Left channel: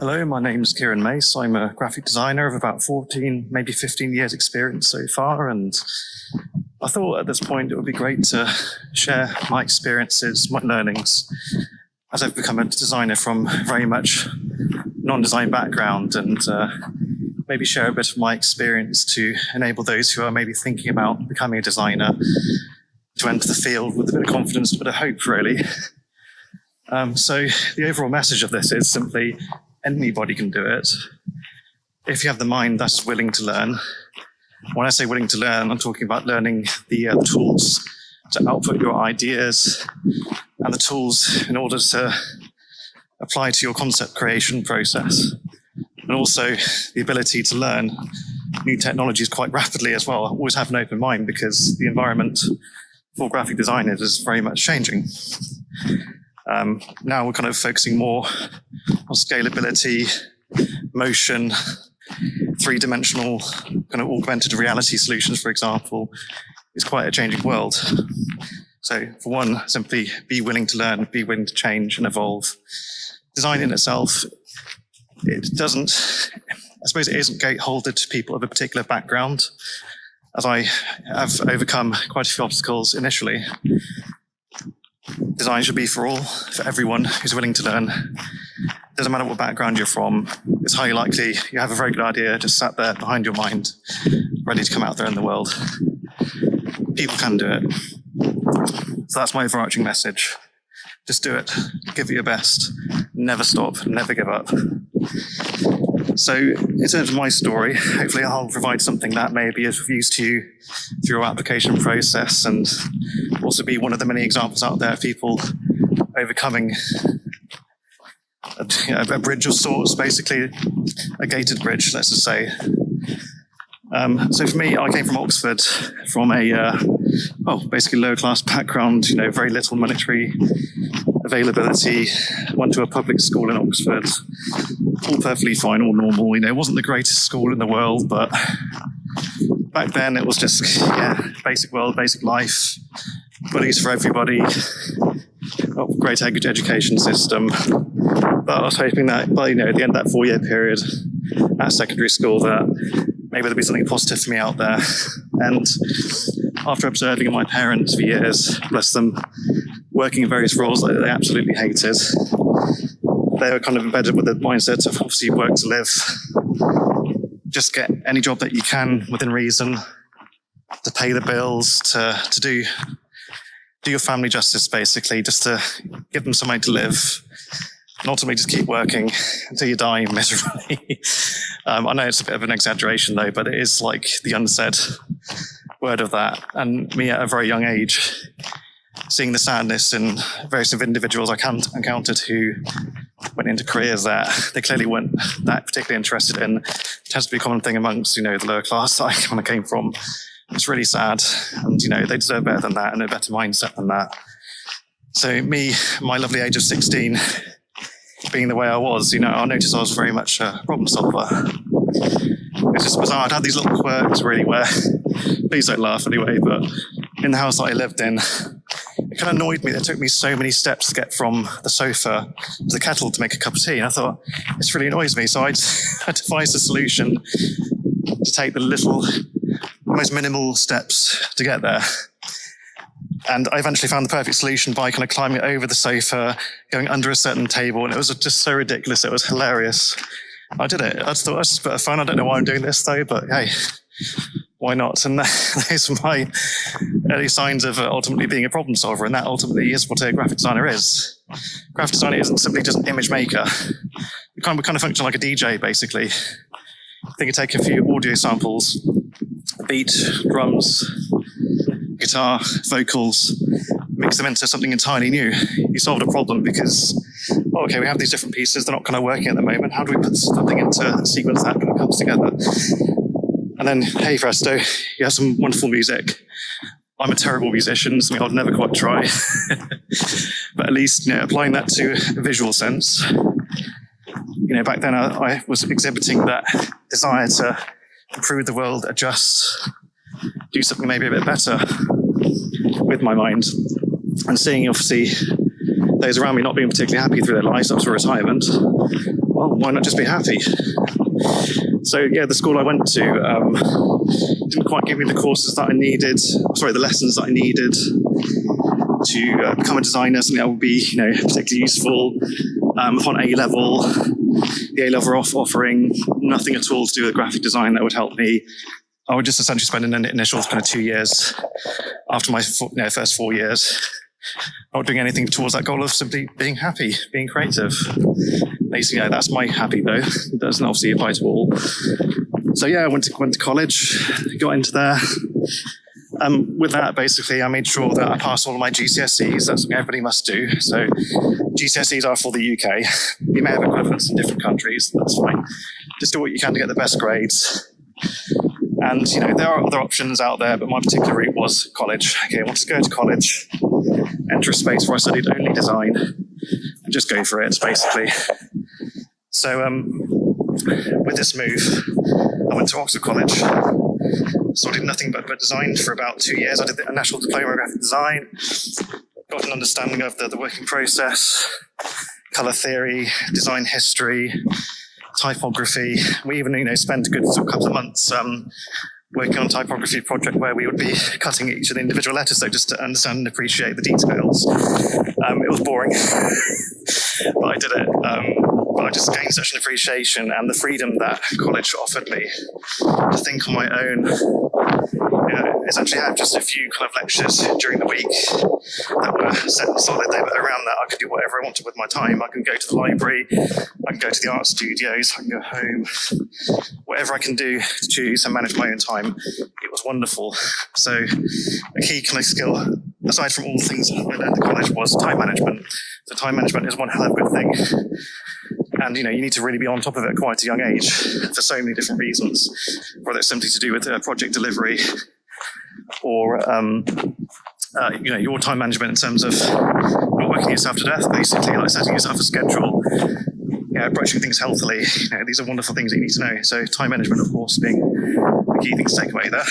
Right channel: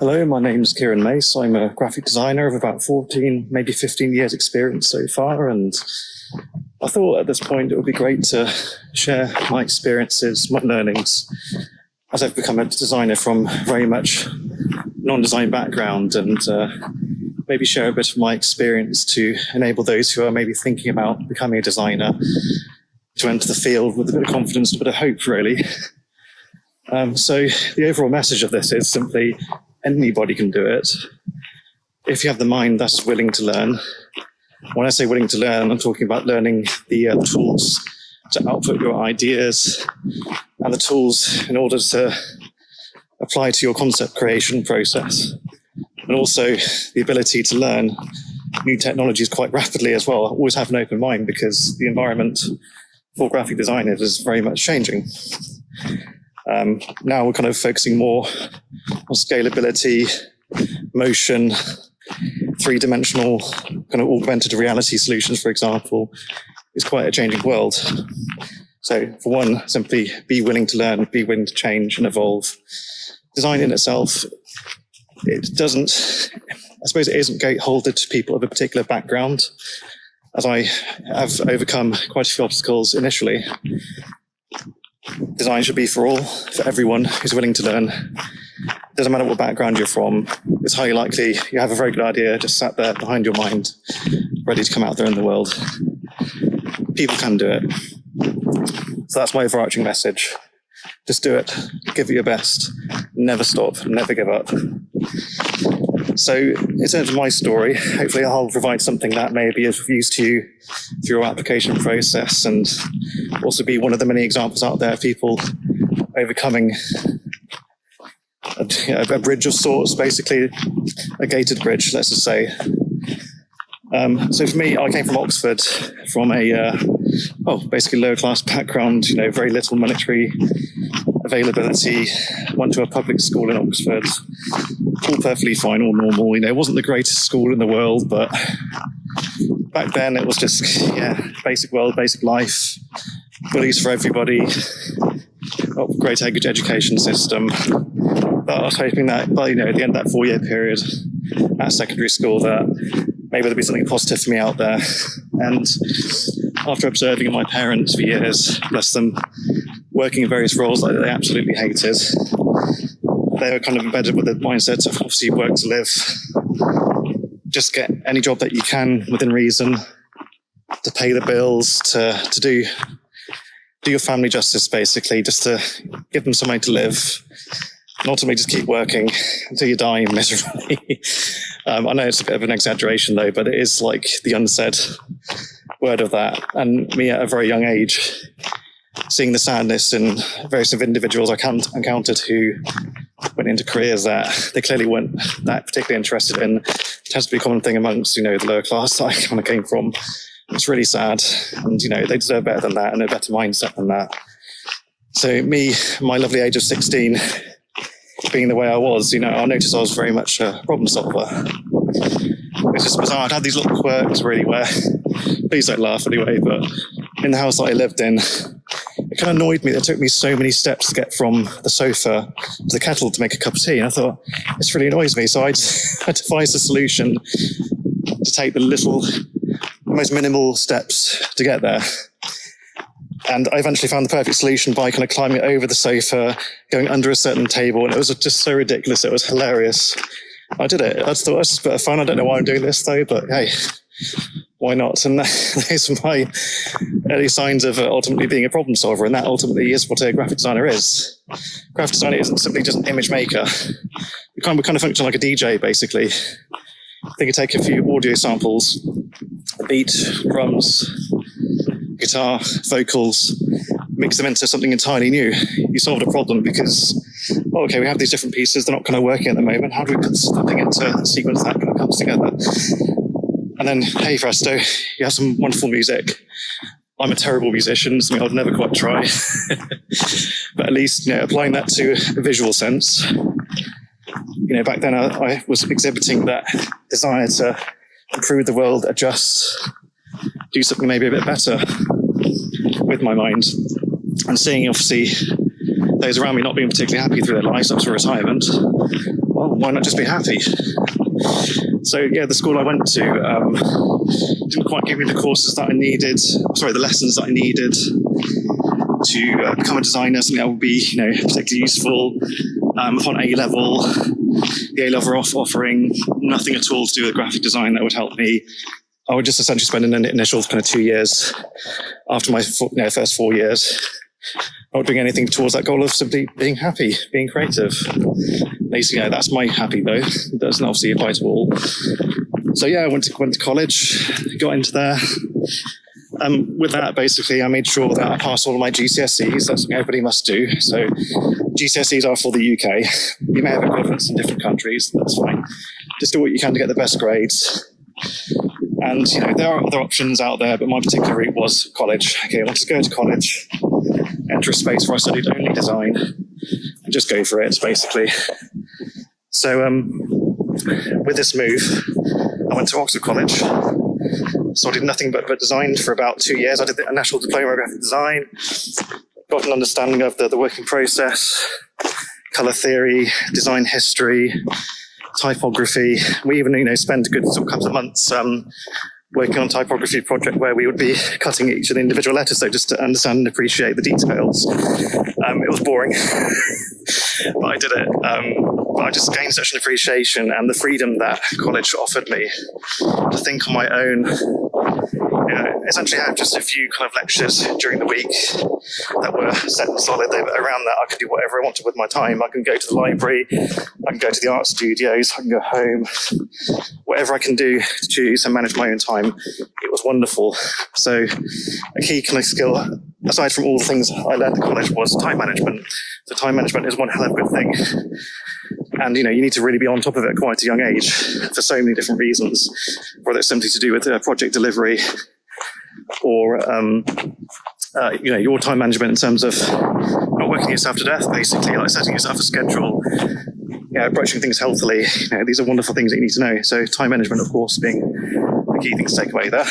Hello, my name's Kieran Mace. I'm a graphic designer of about 14, maybe 15 years experience so far, and I thought at this point it would be great to share my experiences, my learnings, as I've become a designer from very much non-design background, and maybe share a bit of my experience to enable those who are maybe thinking about becoming a designer to enter the field with a bit of confidence, a bit of hope, really. So the overall message of this is simply anybody can do it if you have the mind that's willing to learn. When I say willing to learn, I'm talking about learning the tools to output your ideas and the tools in order to apply to your concept creation process, and also the ability to learn new technologies quite rapidly as well. Always have an open mind because the environment for graphic designers is very much changing. Now we're kind of focusing more on scalability, motion, three-dimensional kind of augmented reality solutions, for example, is quite a changing world. So for one, simply be willing to learn, be willing to change and evolve. Design in itself, it isn't gateholdered to people of a particular background, as I have overcome quite a few obstacles initially. Design should be for all, for everyone who's willing to learn. Doesn't matter what background you're from, it's highly likely you have a very good idea just sat there behind your mind, ready to come out there in the world. People can do it. So that's my overarching message. Just do it, give it your best, never stop, never give up. So in terms of my story, hopefully I'll provide something that may be of use to you through your application process, and also be one of the many examples out there of people overcoming a bridge of sorts, basically a gated bridge, let's just say. So for me, I came from Oxford, from a basically lower class background, very little monetary availability. Went to a public school in Oxford, all perfectly fine, all normal. It wasn't the greatest school in the world, but back then it was just basic world, basic life, bullies for everybody, great education system. But I was hoping that by at the end of that 4-year period at secondary school, that maybe there'd be something positive for me out there. And after observing my parents for years, bless them, working in various roles that they absolutely hated, they were kind of embedded with the mindset of obviously work to live. Just get any job that you can within reason, to pay the bills, to do your family justice, basically, just to give them some way to live, and ultimately just keep working until you die miserably. I know it's a bit of an exaggeration though, but it is like the unsaid word of that. And me at a very young age, seeing the sadness in various individuals I encountered who went into careers that they clearly weren't that particularly interested in. It tends to be a common thing amongst, the lower class that I kind of came from. It's really sad. And, they deserve better than that and a better mindset than that. So me, my lovely age of 16, being the way I was, I noticed I was very much a problem solver. It's just bizarre. I'd had these little quirks really where, please don't laugh anyway, but in the house that I lived in, it kind of annoyed me that it took me so many steps to get from the sofa to the kettle to make a cup of tea. And I thought, this really annoys me. So I devised a solution to take the most minimal steps to get there. And I eventually found the perfect solution by kind of climbing over the sofa, going under a certain table. And it was just so ridiculous. It was hilarious. I did it. I just thought it was just a bit of fun. I don't know why I'm doing this though, but hey, why not? And those are my early signs of ultimately being a problem solver. And that ultimately is what a graphic designer is. Graphic designer isn't simply just an image maker. We kind of function like a DJ, basically. I think you take a few audio samples, a beat, drums, guitar, vocals, mix them into something entirely new. You solved a problem because, okay, we have these different pieces, they're not kind of working at the moment. How do we put something into a sequence that kind of comes together? And then, hey presto, you have some wonderful music. I'm a terrible musician, something I would never quite try. But at least, applying that to a visual sense. Back then I was exhibiting that desire to improve the world, adjust, do something maybe a bit better with my mind. And seeing, obviously, those around me not being particularly happy through their lives up to retirement, well, why not just be happy? So yeah, the school I went to didn't quite give me the courses that I needed, the lessons that I needed to become a designer, something that would be, particularly useful upon A-level. The A-level offering nothing at all to do with graphic design that would help me. I would just essentially spend an initial kind of 2 years after my first 4 years not doing anything towards that goal of simply being happy, being creative. Basically, that's my happy though. It doesn't obviously apply to all. So yeah, I went to college, got into there. With that, basically, I made sure that I passed all of my GCSEs. That's what everybody must do. So GCSEs are for the UK. You may have equivalents in different countries. That's fine. Just do what you can to get the best grades. And, there are other options out there, but my particular route was college. Okay, I wanted to go to college, enter a space where I studied only design, and just go for it, basically. So with this move, I went to Oxford College. So I did nothing but design for about 2 years. I did a national diploma of graphic design, got an understanding of the working process, colour theory, design history, typography. We even, spent a good couple of months working on a typography project where we would be cutting each of the individual letters, so just to understand and appreciate the details. It was boring, but I did it. But I just gained such an appreciation and the freedom that college offered me to think on my own. Essentially, I had just a few kind of lectures during the week that were set and solid. Around that, I could do whatever I wanted with my time. I can go to the library, I can go to the art studios, I can go home, whatever I can do to choose and manage my own time. It was wonderful. So a key kind of skill, aside from all the things I learned at college, was time management. So time management is one hell of a good thing. And, you need to really be on top of it at quite a young age for so many different reasons, whether it's simply to do with project delivery or, your time management in terms of not working yourself to death, basically, like setting yourself a schedule, approaching things healthily. These are wonderful things that you need to know. So time management, of course, being the key thing to take away there.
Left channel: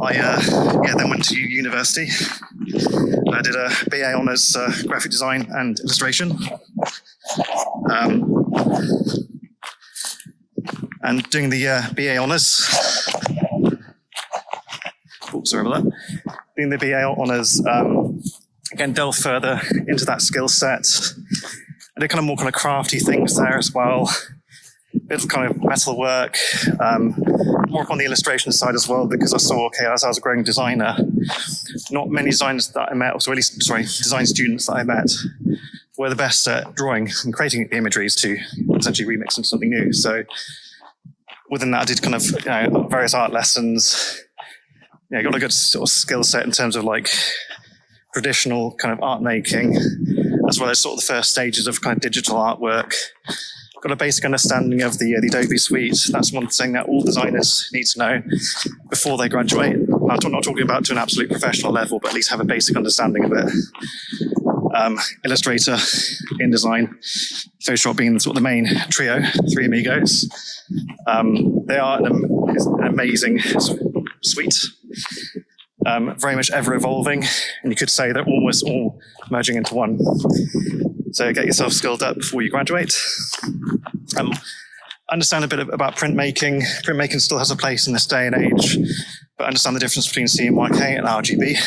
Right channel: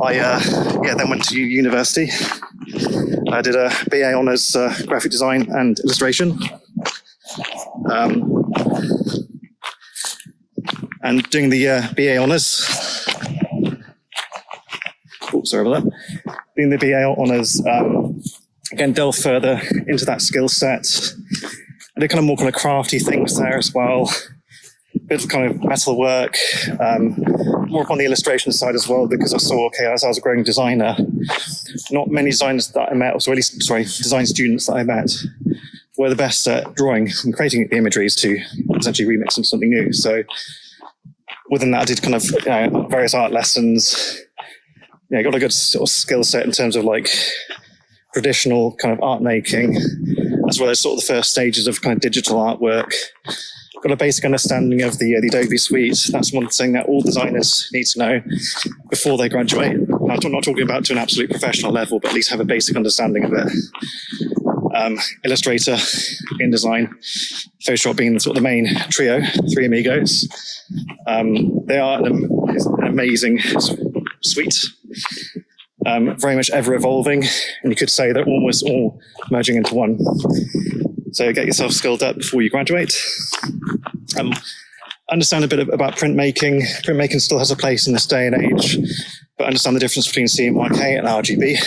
I then went to university. I did a BA Honours Graphic Design and Illustration. And doing the BA Honours, sorry about that. Doing the BA Honours, again, delve further into that skill set. I did more kind of crafty things there as well. A bit of kind of metal work, more up on the illustration side as well, because I saw, as I was a growing designer, not many designers that I met, or at least, design students that I met, were the best at drawing and creating the imageries to essentially remix into something new. So within that, I did kind of various art lessons. Got a good sort of skill set in terms of traditional kind of art making, as well as sort of the first stages of kind of digital artwork. Got a basic understanding of the Adobe suite. That's one thing that all designers need to know before they graduate. I'm not talking about to an absolute professional level, but at least have a basic understanding of it. Illustrator, InDesign, Photoshop being sort of the main trio, three amigos. They are an amazing suite, very much ever evolving, and you could say they're almost all merging into one. So get yourself skilled up before you graduate. Understand a bit about printmaking. Printmaking still has a place in this day and age, but understand the difference between CMYK and RGB.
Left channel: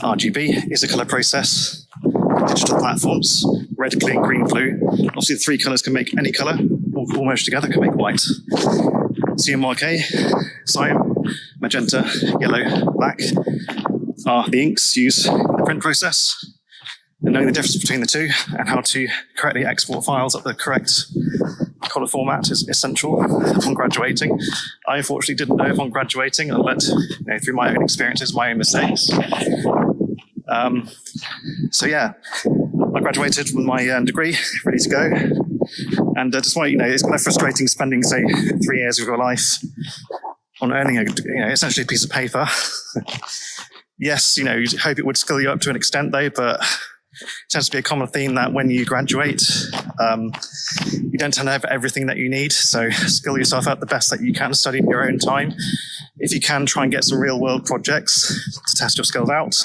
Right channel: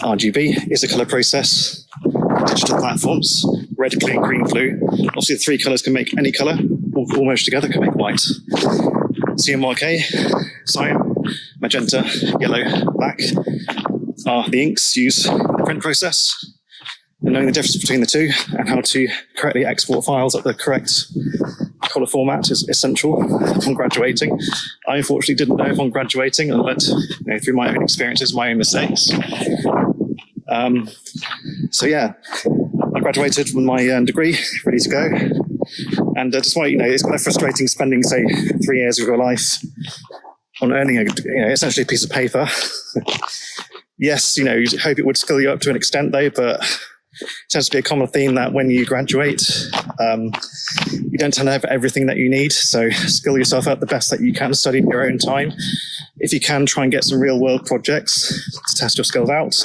RGB is a color process, digital platforms, red, green, blue. Obviously, the three colors can make any color, all merged together can make white. CMYK, cyan, magenta, yellow, black are the inks used in the print process. And knowing the difference between the two and how to correctly export files at the correct color format is essential upon graduating. I unfortunately didn't know upon graduating. I learned through my own experiences, my own mistakes. I graduated with my degree, ready to go. And despite, it's kind of frustrating spending, say, 3 years of your life on earning essentially a piece of paper. Yes, you hope it would skill you up to an extent though, but it tends to be a common theme that when you graduate, you don't tend to have everything that you need. So skill yourself up the best that you can, study in your own time. If you can, try and get some real world projects to test your skills out.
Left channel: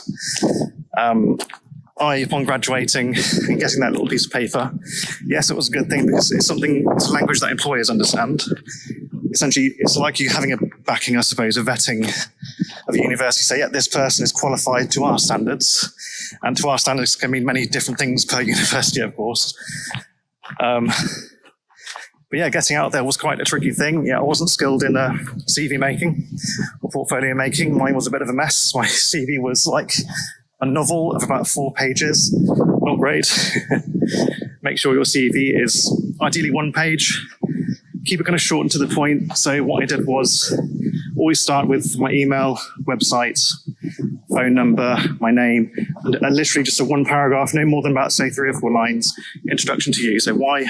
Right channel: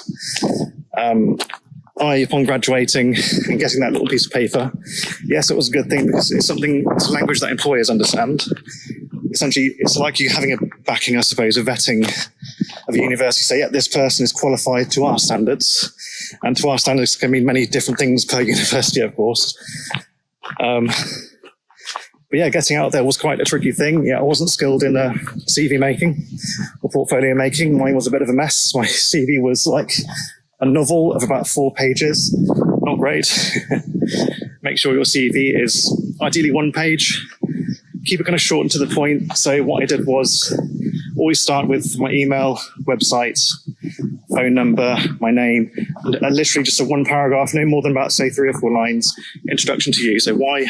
upon graduating and getting that little piece of paper, yes, it was a good thing because it's a language that employers understand. Essentially, it's like you having a backing, I suppose, a vetting of a university. Say, yeah, this person is qualified to our standards, and to our standards can mean many different things per university, of course. But yeah, getting out there was quite a tricky thing. Yeah, I wasn't skilled in CV making or portfolio making. Mine was a bit of a mess. My CV was like a novel of about 4 pages. Not great. Make sure your CV is ideally 1 page. Keep it kind of short and to the point. So what I did was always start with my email, website, phone number, my name, and literally just a 1 paragraph, no more than about, say, 3 or 4 lines, introduction to you. So why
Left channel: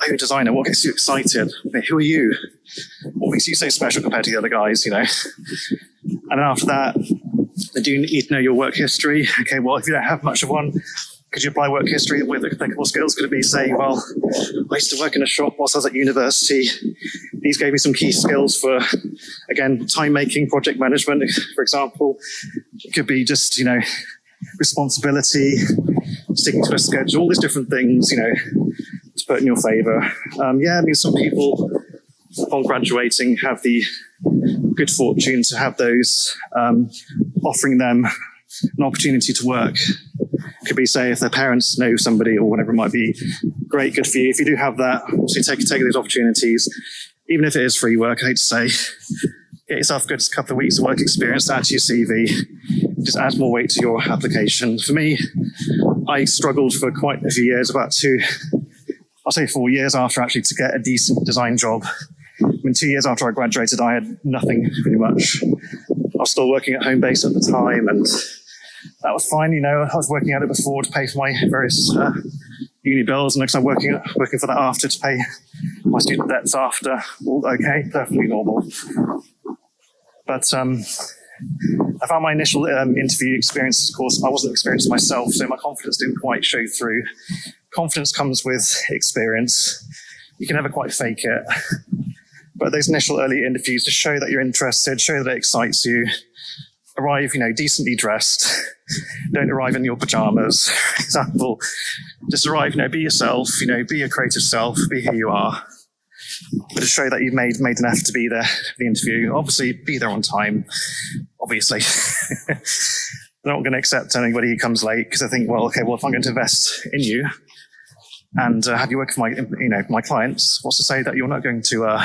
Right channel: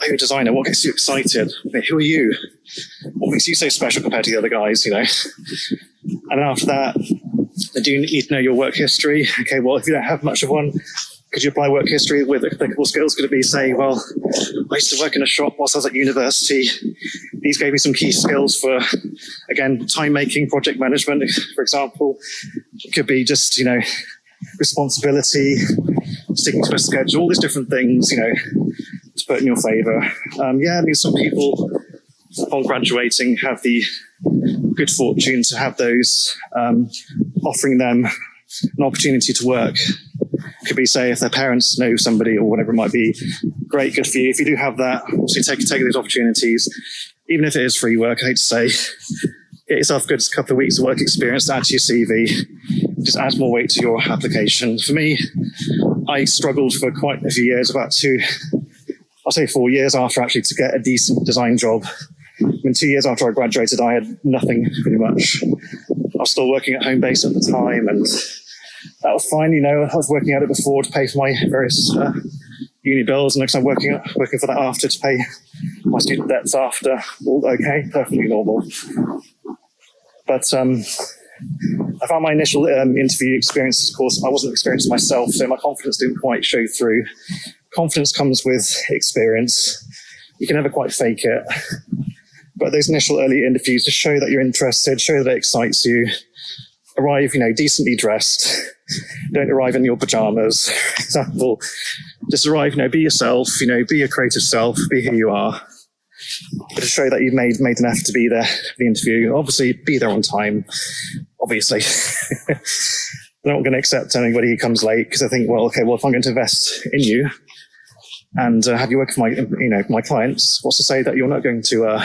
are you a designer? What gets you excited? Who are you? What makes you so special compared to the other guys, And then after that, they do need to know your work history. Okay, well, if you don't have much of one, could you apply work history with applicable skills? Could it be saying, well, I used to work in a shop whilst I was at university. These gave me some key skills for, again, time making, project management, for example. It could be just, responsibility, sticking to a schedule, all these different things, to put in your favor. Some people upon graduating have the good fortune to have those offering them an opportunity to work. Could be, say, if their parents know somebody or whatever it might be. Great, good for you. If you do have that, obviously take those opportunities, even if it is free work. I hate to say, get yourself a good couple of weeks of work experience, add to your CV, just adds more weight to your application. For me, I struggled for quite a few years, about 4 years after actually to get a decent design job. 2 years after I graduated, I had nothing pretty much. I was still working at home base at the time, and that was fine. I was working at it before to pay for my various uni bills, and next I'm working for that after to pay my student debts after. All okay, perfectly normal. But I found my initial interview experience, of course, I wasn't experienced myself, so my confidence didn't quite show through. Confidence comes with experience. You can never quite fake it. But those initial early interviews to show that you're interested, show that it excites you, arrive, decently dressed. Don't arrive in your pajamas, for example. Just arrive, be yourself, be your creative self, be who you are. But to show that you've made an effort to be there for the interview. Obviously, be there on time, obviously. They're not going to accept anybody who comes late because I think, if I'm going to invest in you and have you work for my clients, what's to say that you're not going to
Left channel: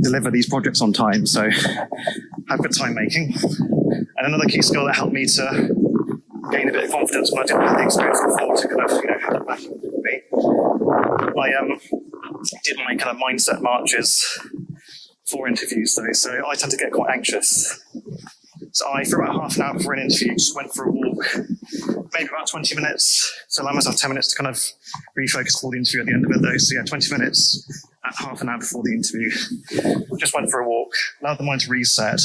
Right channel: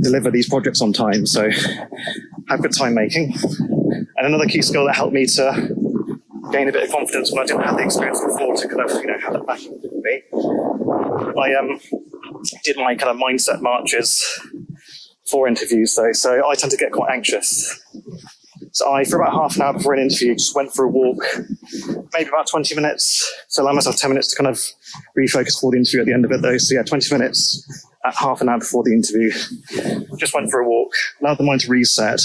deliver these projects on time? So have good time making. And another key skill that helped me to gain a bit of confidence when I didn't have the experience before to kind of, have that backing with me. I did my kind of mindset marches for interviews though, so I tend to get quite anxious. So I, for about half an hour before an interview, just went for a walk, maybe about 20 minutes. So allow myself 10 minutes to kind of refocus for the interview at the end of it though. So yeah, 20 minutes at half an hour before the interview. Just went for a walk, allowed the mind to reset.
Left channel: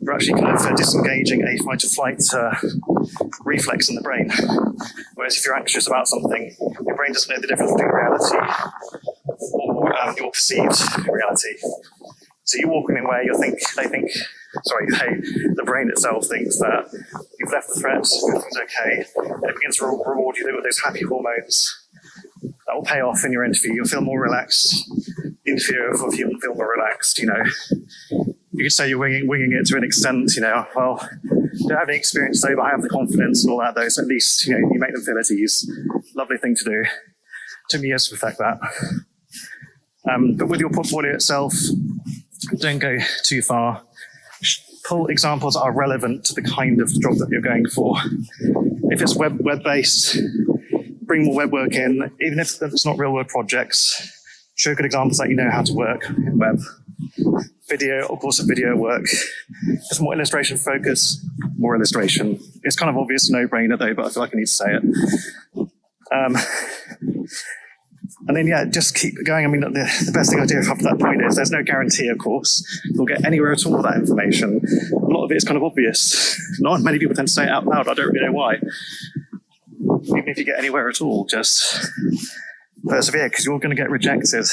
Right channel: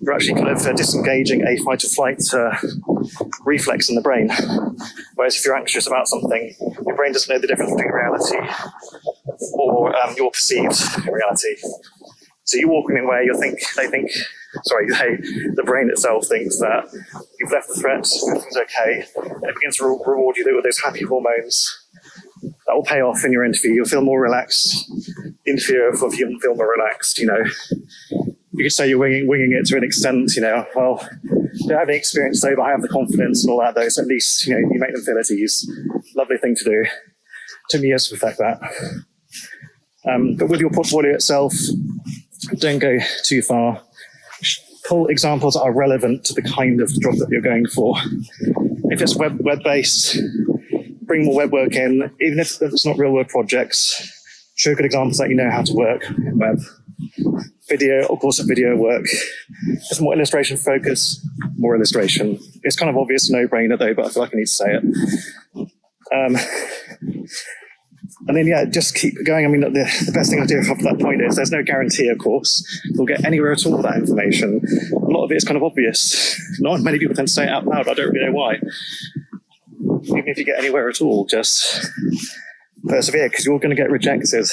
You're actually kind of disengaging a fight or flight reflex in the brain. Whereas if you're anxious about something, your brain doesn't know the difference between reality or your perceived reality. So you walk in a way the brain itself thinks that you've left the threat, everything's okay, and it begins to reward you with those happy hormones. That will pay off in your interview. You'll feel more relaxed. The interviewer will feel more relaxed, You could say you're winging it to an extent, I don't have any experience though, but I have the confidence and all that though, so at least, you make them feel at ease. Lovely thing to do. Took me years to perfect that. But with your portfolio itself, don't go too far. Pull examples that are relevant to the kind of job that you're going for. If it's web-based, bring more web work in, even if it's not real-world projects. Show good examples that you know how to work in web. Video, of course, video work. If more illustration focus, more illustration. It's kind of obvious, no-brainer though, but I feel like I need to say it. And then, just keep going. I mean, the best thing I do up to that point is there's no guarantee, of course, you'll get anywhere at all with that information. A lot of it is kind of obvious. Not many people tend to say it out loud. I don't really know why. Even if you get anywhere at all, just persevere, because you're going to get rejected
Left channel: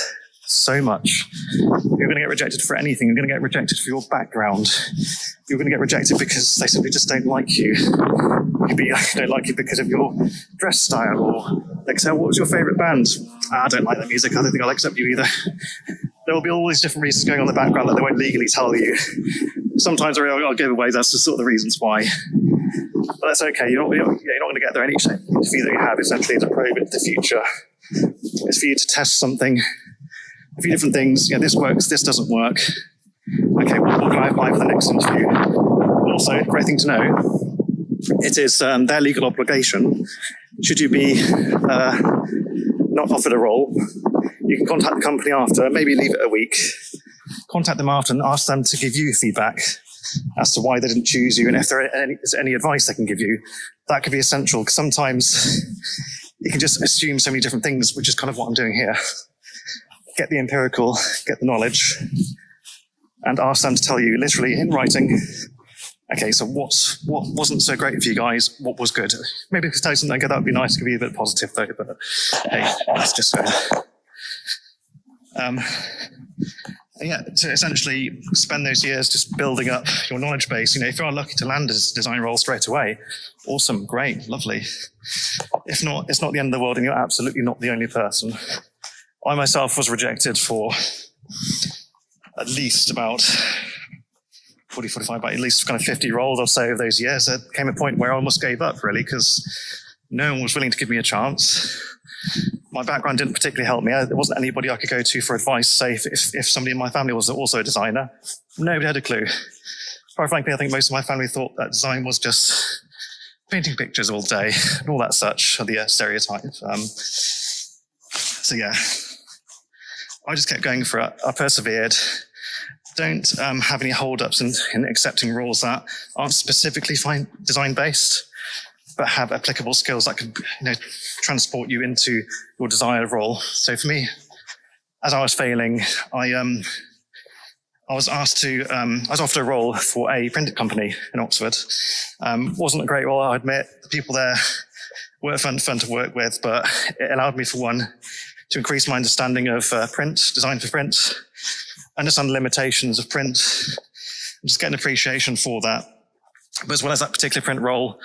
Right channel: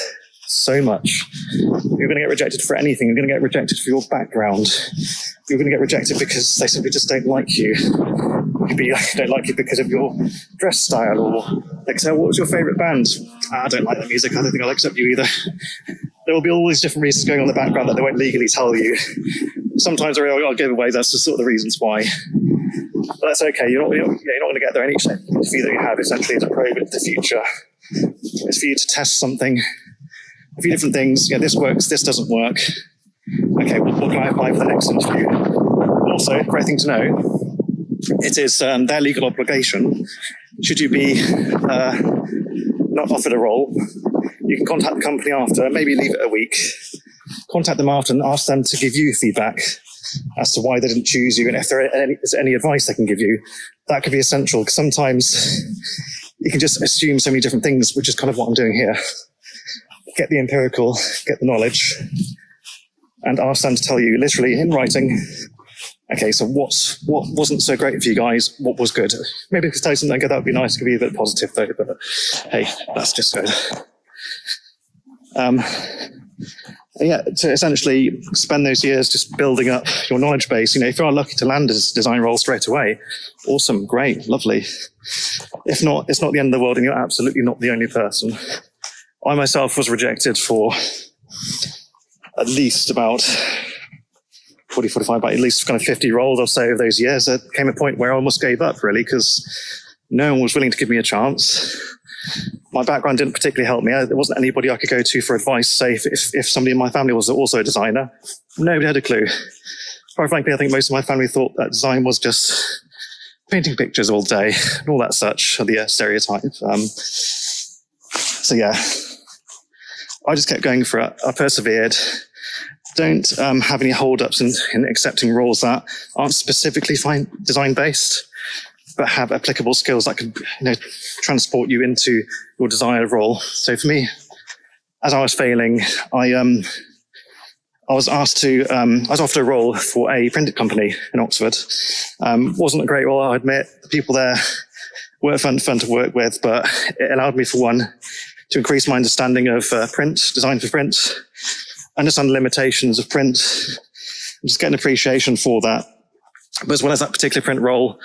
so much. You're going to get rejected for anything. You're going to get rejected for your background. You're going to get rejected because they simply just don't like you. You'd be like, don't like you because of your dress style, or like, so what was your favourite band? I don't like that music. I don't think I'll accept you either. There will be all these different reasons going on in the background that they won't legally tell you. Sometimes I'll give away. That's the sort of the reasons why. But that's okay. You're not going to get there. And each interview that you have essentially is a probe into the future. It's for you to test something, a few different things. Yeah, this works. This doesn't work. Okay, what can I apply for the next interview? Also, great thing to know, it is their legal obligation. Should you be not offered a role, you can contact the company after, maybe leave it a week, contact them after and ask them to give you feedback as to why they didn't choose you, and if there is any advice they can give you. That could be essential, because sometimes you can just assume so many different things, which is kind of what I'm doing here. Get the empirical, get the knowledge, and ask them to tell you literally in writing, okay, so what wasn't so great for you guys, what was good? Maybe if you tell you something good, that would be nice, to give you a bit positive though, but hey, that's just good. Yeah, to essentially spend those years just building up your knowledge base. If you are lucky to land a design role straight away, awesome, great, lovely. If not, it's not the end of the world, and you're absolutely not the only person. I myself was rejected for at least about 40, 45, about at least kind of 50 roles or so of those years. There came a point where I almost gave up, really, because no one was willing to give me a chance. My background didn't particularly help me. There wasn't anybody I could go to for advice, say if somebody in my family was also a designer. Nobody had a clue. Quite frankly, I think most of my family thought that design was just painting pictures all day and all that such, the stereotype. So yeah, I just kept going for it. I persevered. Don't have any hold-ups in accepting roles that aren't specifically design-based, but have applicable skills that could transport you into your desired role. So for me, as I was failing, I was offered a role for a printing company in Oxford. Wasn't a great role, I admit. The people there were fun to work with, but it allowed me, for one, to increase my understanding of print, design for print, understand the limitations of print, and just get an appreciation for that. But as well as that particular print role,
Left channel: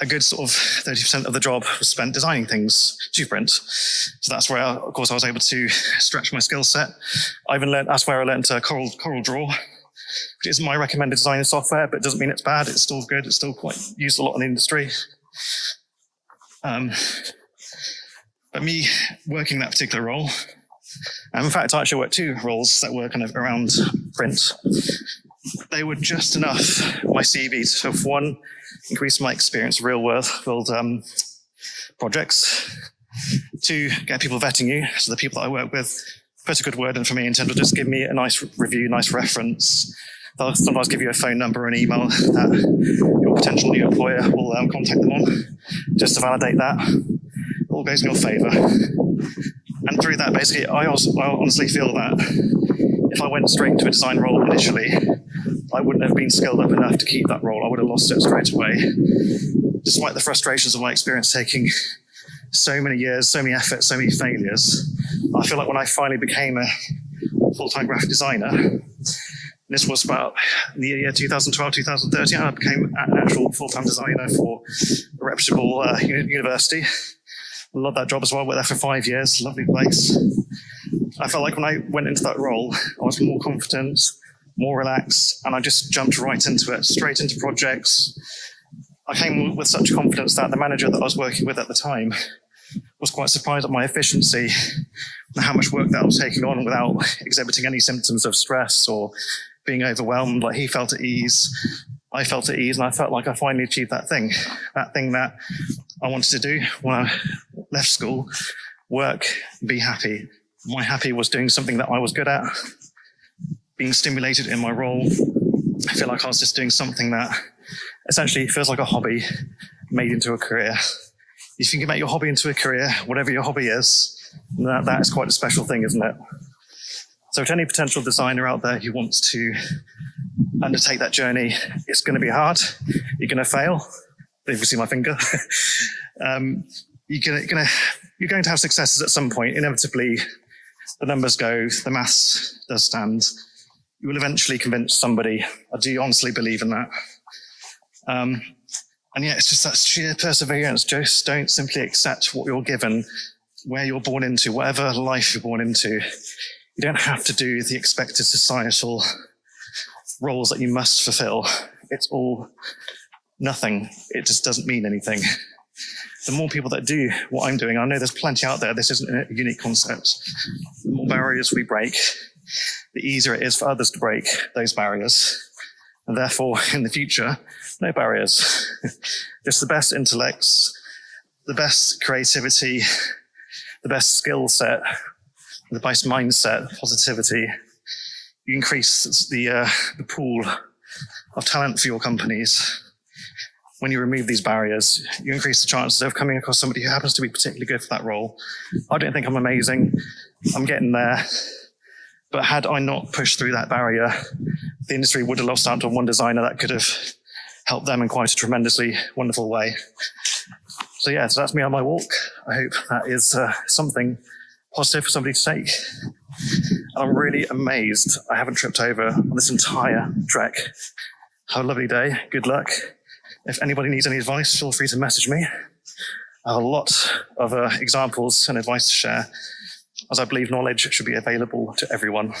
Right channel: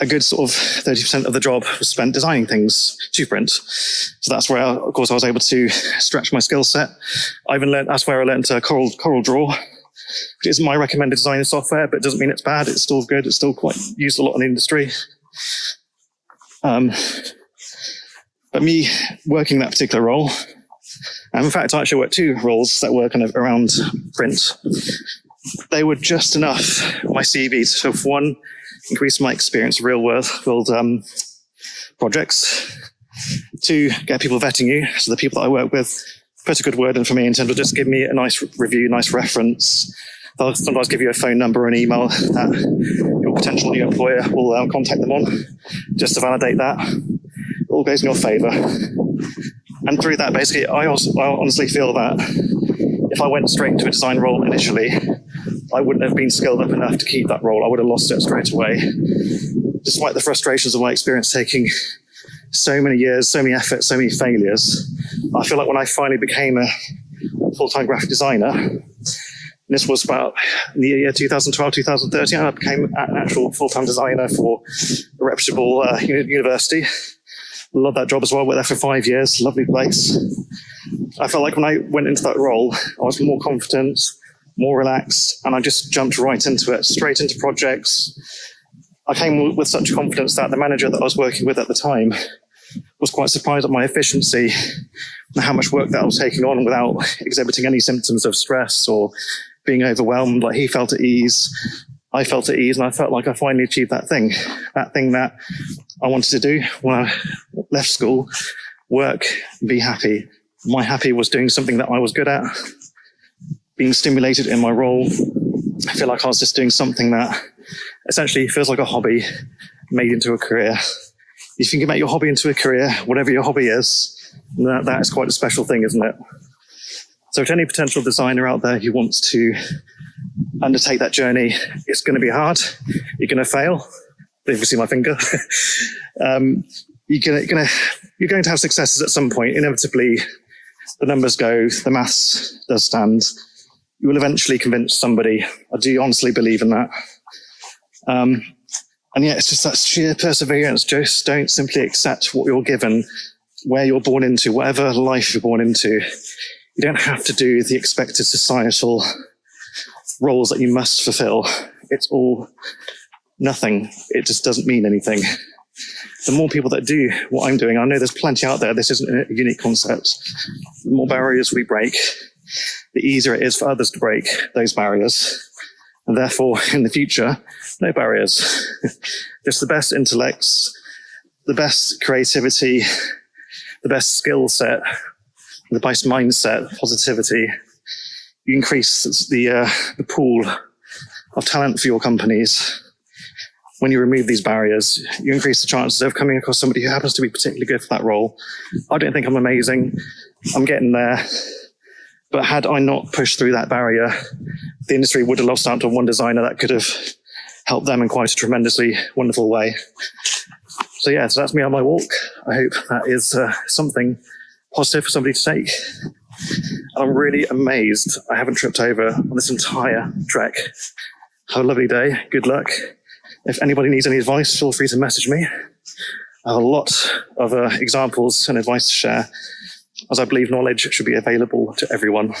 a good sort of 30% of the job was spent designing things to print. So that's where, of course, I was able to stretch my skill set. That's where I learned Corel Draw, which isn't my recommended design software, but it doesn't mean it's bad. It's still good. It's still quite used a lot in the industry. But me working that particular role, and in fact, I actually worked 2 roles that were kind of around print. They were just enough on my CV to, for one, increase my experience of real-world projects. 2, get people vetting you, so the people that I work with put a good word in for me in terms of just give me a nice review, nice reference. They'll sometimes give you a phone number or an email that your potential new employer will contact them on, just to validate that. It all goes in your favour. And through that, basically, I honestly feel that if I went straight into a design role initially, I wouldn't have been skilled up enough to keep that role. I would have lost it straight away. Despite the frustrations of my experience taking so many years, so many efforts, so many failures, I feel like when I finally became a full-time graphic designer, and this was about in the year 2012, 2013, I became an actual full-time designer for a reputable university. Love that job as well. Worked there for 5 years. Lovely place. I felt like when I went into that role, I was more confident, more relaxed, and I just jumped right into it, straight into projects. I came with such confidence that the manager that I was working with at the time was quite surprised at my efficiency and how much work that I was taking on without exhibiting any symptoms of stress or being overwhelmed. Like, he felt at ease, I felt at ease, and I felt like I finally achieved that thing that I wanted to do when I left school: work, be happy. My happy was doing something that I was good at, being stimulated in my role. I feel like I was just doing something that essentially feels like a hobby made into a career. If you can make your hobby into a career, whatever your hobby is, that is quite a special thing, isn't it? So to any potential designer out there who wants to undertake that journey, it's going to be hard. You're going to fail. If you see my finger, you're going to have successes at some point. Inevitably, the numbers go, the maths does stand. You will eventually convince somebody. I do honestly believe in that. And yeah, it's just that sheer perseverance. Just don't simply accept what you're given, where you're born into, whatever life you're born into. You don't have to do the expected societal roles that you must fulfill. It's all nothing. It just doesn't mean anything. The more people that do what I'm doing, I know there's plenty out there. This isn't a unique concept. The more barriers we break, the easier it is for others to break those barriers. And therefore, in the future, no barriers. Just the best intellects, the best creativity, the best skill set, the best mindset, positivity. You increase the pool of talent for your companies. When you remove these barriers, you increase the chances of coming across somebody who happens to be particularly good for that role. I don't think I'm amazing. I'm getting there. But had I not pushed through that barrier, the industry would have lost out to one designer that could have helped them in quite a tremendously wonderful way. So yeah, so that's me on my walk. I hope that is something positive for somebody to take. And I'm really amazed I haven't tripped over on this entire trek. Have a lovely day. Good luck. If anybody needs any advice, feel free to message me. I have a lot of examples and advice to share, as I believe knowledge should be available to everyone.